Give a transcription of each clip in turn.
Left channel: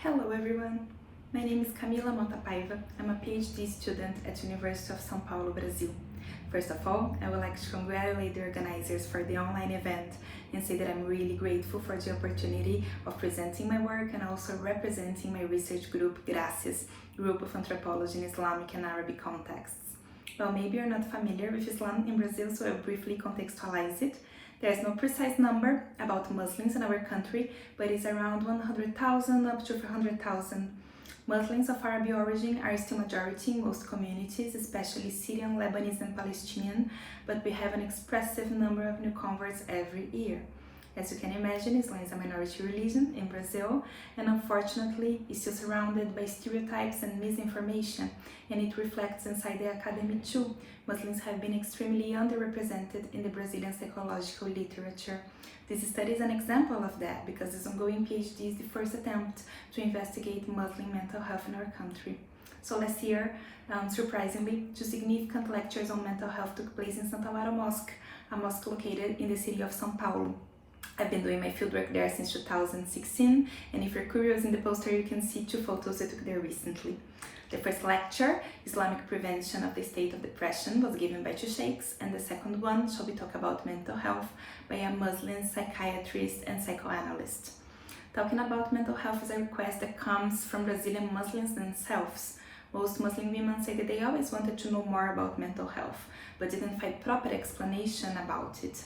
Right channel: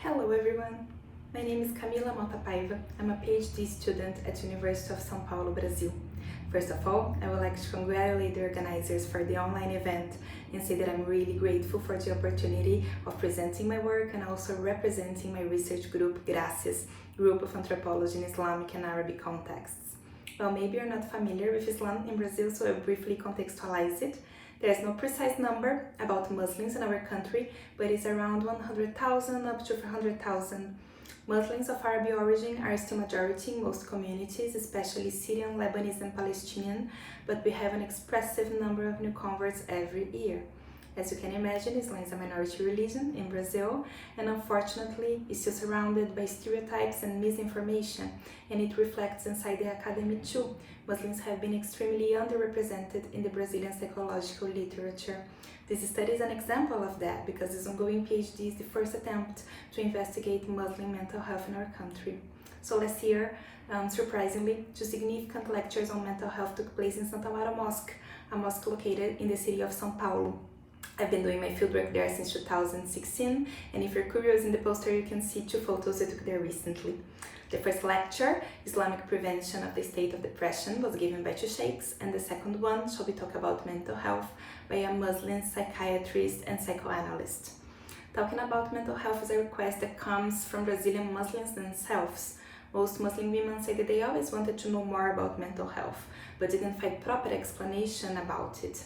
Hello everyone, my name is Camila Motta Paiva. I'm a Ph.D. student at University of São Paulo, Brazil. First of all, I would like to congratulate the organizers for the online event and say that I'm really grateful for the opportunity of presenting my work and also representing my research group, Gracias, group of anthropology in Islamic and Arabic contexts. Well, maybe you're not familiar with Islam in Brazil, so I'll briefly contextualize it. There's no precise number about Muslims in our country, but it's around 100,000 up to 400,000. Muslims of Arab origin are still majority in most communities, especially Syrian, Lebanese and Palestinian, but we have an expressive number of new converts every year. As you can imagine, Islam is a minority religion in Brazil, and unfortunately is still surrounded by stereotypes and misinformation, and it reflects inside the academy too. Muslims have been extremely underrepresented in the Brazilian psychological literature. This study is an example of that, because this ongoing PhD is the first attempt to investigate Muslim mental health in our country. So last year, surprisingly, two significant lectures on mental health took place in Santa Lara Mosque, a mosque located in the city of São Paulo. I've been doing my fieldwork there since 2016, and if you're curious, in the poster you can see two photos I took there recently. The first lecture, Islamic Prevention of the State of Depression, was given by two sheikhs, and the second one shall be talk about mental health by a Muslim psychiatrist and psychoanalyst. Talking about mental health is a request that comes from Brazilian Muslims themselves. Most Muslim women say that they always wanted to know more about mental health, but didn't find proper explanation about it.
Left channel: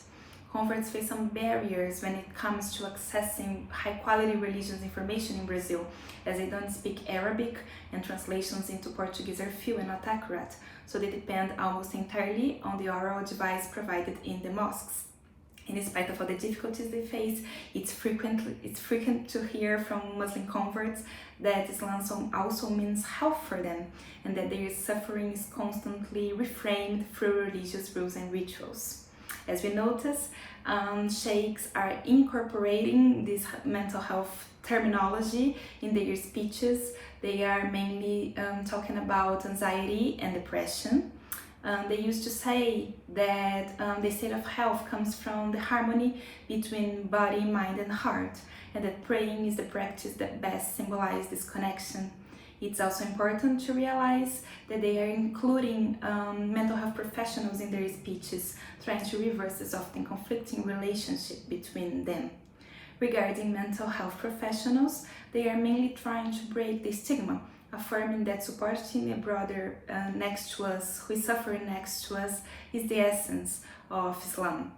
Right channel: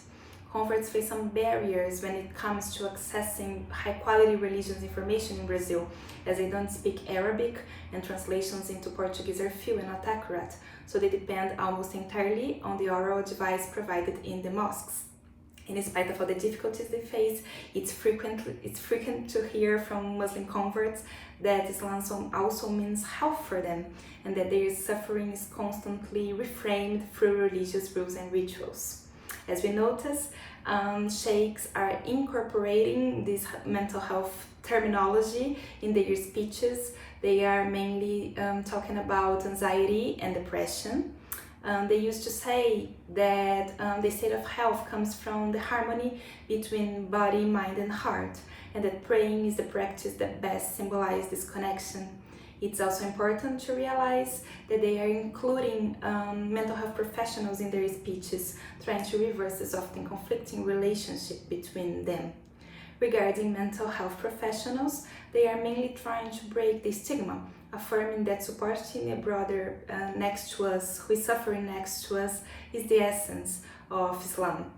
Converts face some barriers when it comes to accessing high-quality religious information in Brazil, as they don't speak Arabic and translations into Portuguese are few and not accurate, so they depend almost entirely on the oral advice provided in the mosques. In spite of all the difficulties they face, it's frequent to hear from Muslim converts that Islam also means health for them, and that their suffering is constantly reframed through religious rules and rituals. As we notice, sheikhs are incorporating this mental health terminology in their speeches. They are mainly talking about anxiety and depression. They used to say that the state of health comes from the harmony between body, mind and heart, and that praying is the practice that best symbolizes this connection. It's also important to realize that they are including mental health professionals in their speeches, trying to reverse this often conflicting relationship between them. Regarding mental health professionals, they are mainly trying to break the stigma, affirming that supporting a brother next to us, who is suffering next to us, is the essence of Islam.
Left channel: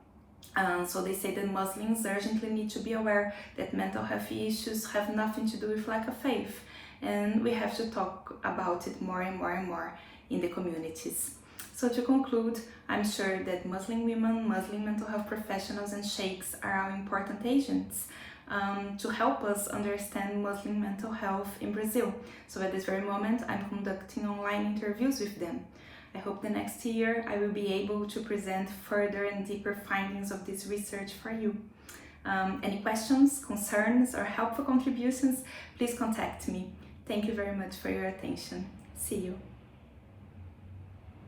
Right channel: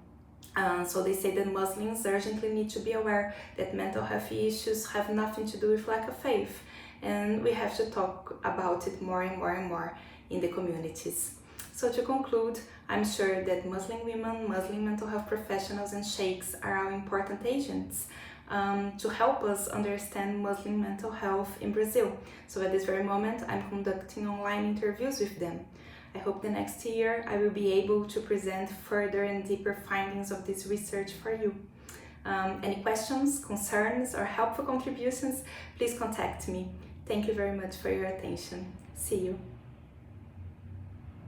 So they say that Muslims urgently need to be aware that mental health issues have nothing to do with lack of faith, and we have to talk about it more and more and more in the communities. So to conclude, I'm sure that Muslim women, Muslim mental health professionals and sheikhs are our important agents to help us understand Muslim mental health in Brazil. So at this very moment, I'm conducting online interviews with them. I hope the next year I will be able to present further and deeper findings of this research for you. Any questions, concerns, or helpful contributions, please contact me. Thank you very much for your attention. See you.